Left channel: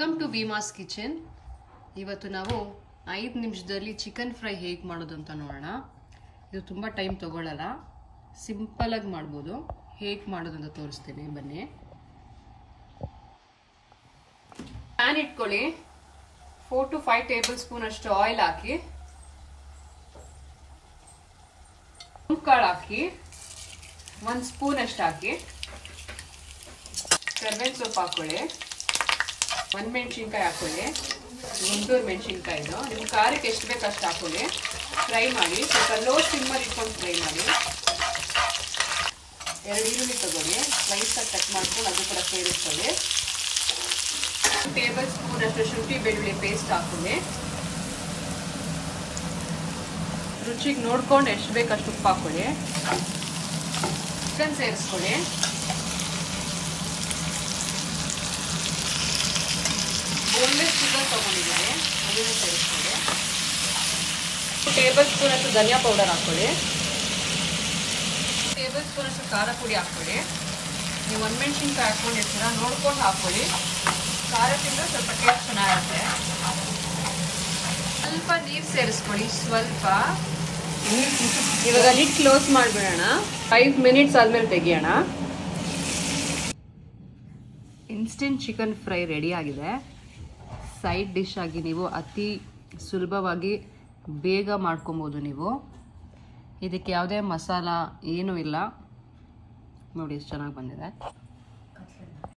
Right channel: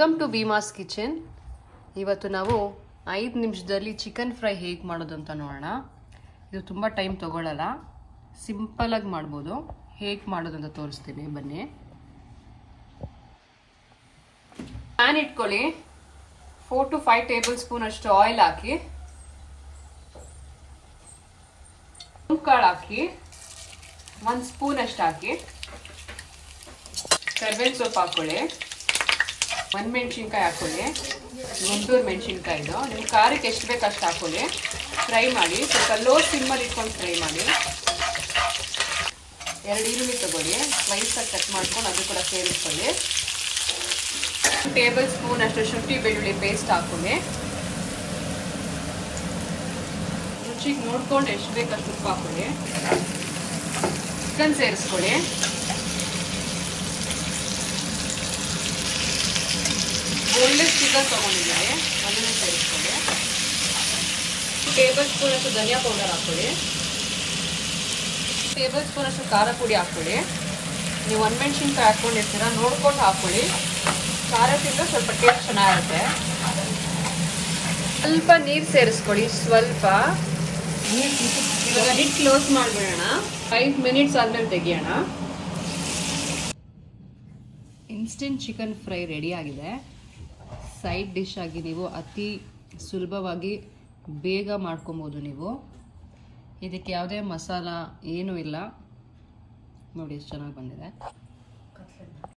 Welcome to Bheemas kitchen. ಇವತ್ತು ನಾವು 5 ನಿಮಿಷದಲ್ಲಿ ಚಿಕನ್ ಫ್ರೈ ಹೇಗೆ ಮಾಡೋದು ಅಂತ ನೋಡೋಣ. ಇದು ತುಂಬ ಟೈಮ್ ತಗೊಳ್ಳಲ್ಲ, ಸಿಂಪಲ್ ಆಗಿ ಮಾಡ್ಬೋದು. ಹೇಗೆ ಮಾಡೋದು ಅಂತ ತೋರಿಸ್ತೀನಿ, ಬನ್ನಿ. ಪ್ಯಾನ್ ಇಟ್ಕೊಳ್ಳಿ. 4 to 5 ಟೇಬಲ್ ಸ್ಪೂನ್ ಅಷ್ಟು ಆಯಿಲ್ ಹಾಕಿ, ಕಾಳು ಹಾಕಿ, 1 ಸ್ಪೂನ್ ಅಷ್ಟು ಹಾಕಿ, ಕರ್ಬೇವಿನ ಸೊಪ್ಪು ಹಾಕೊಳ್ಳಿ, 1 ಮೆಣಸಿನ್ಕಾಯಿ ಹಾಕೊಳ್ಳಿ, 1 ಮೆಣಸಿನ್ಕಾಯಿದು ನೀವು ಖಾರಕ್ಕೆ ಎಷ್ಟು ಬೇಕು ಅಷ್ಟು ಹಾಕೊಳ್ಳಿ. ಫ್ರೈ ಮಾಡಿ, ಸ್ವಲ್ಪ ಲೋ ಸಿಮ್ಮಲ್ಲಿ ಇಟ್ಕೊಂಡು ಫ್ರೈ ಮಾಡಿ. 2 ಈರುಳ್ಳಿ ತಗೊಳ್ಳಿ, ಸ್ಲೈಸಾಗಿ ಕಟ್ ಮಾಡ್ಕೊಂಡು ಅದು ಕೂಡ ಸೇರಿಸ್ಕೊಳ್ಳಿ. 1 ಟೇಬಲ್ ಸ್ಪೂನ್ ಅಷ್ಟು ಶುಂಠಿ ಬೆಳ್ಳುಳ್ಳಿ ಪೇಸ್ಟ್ ಹಾಕೊಳ್ಳಿ. ರುಚಿಗೆ ನೋಡ್ಕೊಂಡು ಎಷ್ಟು ಬೇಕು ಅಷ್ಟು ಉಪ್ಪು ಹಾಕೊಳ್ಳಿ. ಚಿಕನ್ ಸೇರಿಸ್ಕೊಳ್ಳಿ. ಬೋನ್ಲೆಸ್ ಚಿಕನ್ ತಗೊಂಡಿದ್ದಾರೆ, ಅದನ್ನು ಸೇರಿಸ್ಕೊಳ್ಳಿ. 2 ಟೇಬಲ್ ಸ್ಪೂನ್ ಅಷ್ಟು ಧನಿಯಾ ಪೌಡರ್ ಹಾಕೊಳ್ಳಿ. 2 ಟೇಬಲ್ ಸ್ಪೂನ್ ಅಷ್ಟು ಖಾರ ಪುಡಿ ಹಾಕೊಳ್ಳಿ. ನೀವು 1 ಮೆಣಸಿನ್ಕಾಯಿ ಹಾಕೊಂಡಿರ್ತೀರ, ನೋಡ್ಕೊಂಡು ಹಾಕೊಳ್ಳಿ. ಖಾರ ತಿಂದ್ರೆ ಸ್ವಲ್ಪ ಟೇಸ್ಟ್ ಚೆನ್ನಾಗಿರುತ್ತೆ. ಸ್ವಲ್ಪ ನೀರು ಸೇರಿಸ್ಕೊಳ್ಳಿ, ಸ್ವಲ್ಪ. ಇವಾಗ ಲಿಡ್ ಕ್ಲೋಸ್ ಮಾಡಿಬಿಡೋಣ. 5 ಮಿನಿಟ್ಸ್ ಆದ್ಮೇಲೆ ತೆಗಿಯೋಣ. ಇನ್ಸ್ಟೆಂಟ್ ಚಿಕನ್ ಫ್ರೈ ರೆಡಿ ಆಗಿದೆ. ಸೈಡ್ ಡಿಶ್ ಆಗಿ ನೀವು ಅತಿ ಸುಲಭವಾಗಿ ಬೇಗ ಮಾಡ್ಕೊಬೋದು. ನೀವು ಇದಕ್ಕೆ ಯಾವುದೇ ಮಸಾಲ ಏನೂ ಇಲ್ಲ. ನೋಡಿ ಎಷ್ಟು ಚೆನ್ನಾಗಿ ಬಂದಿದೆ.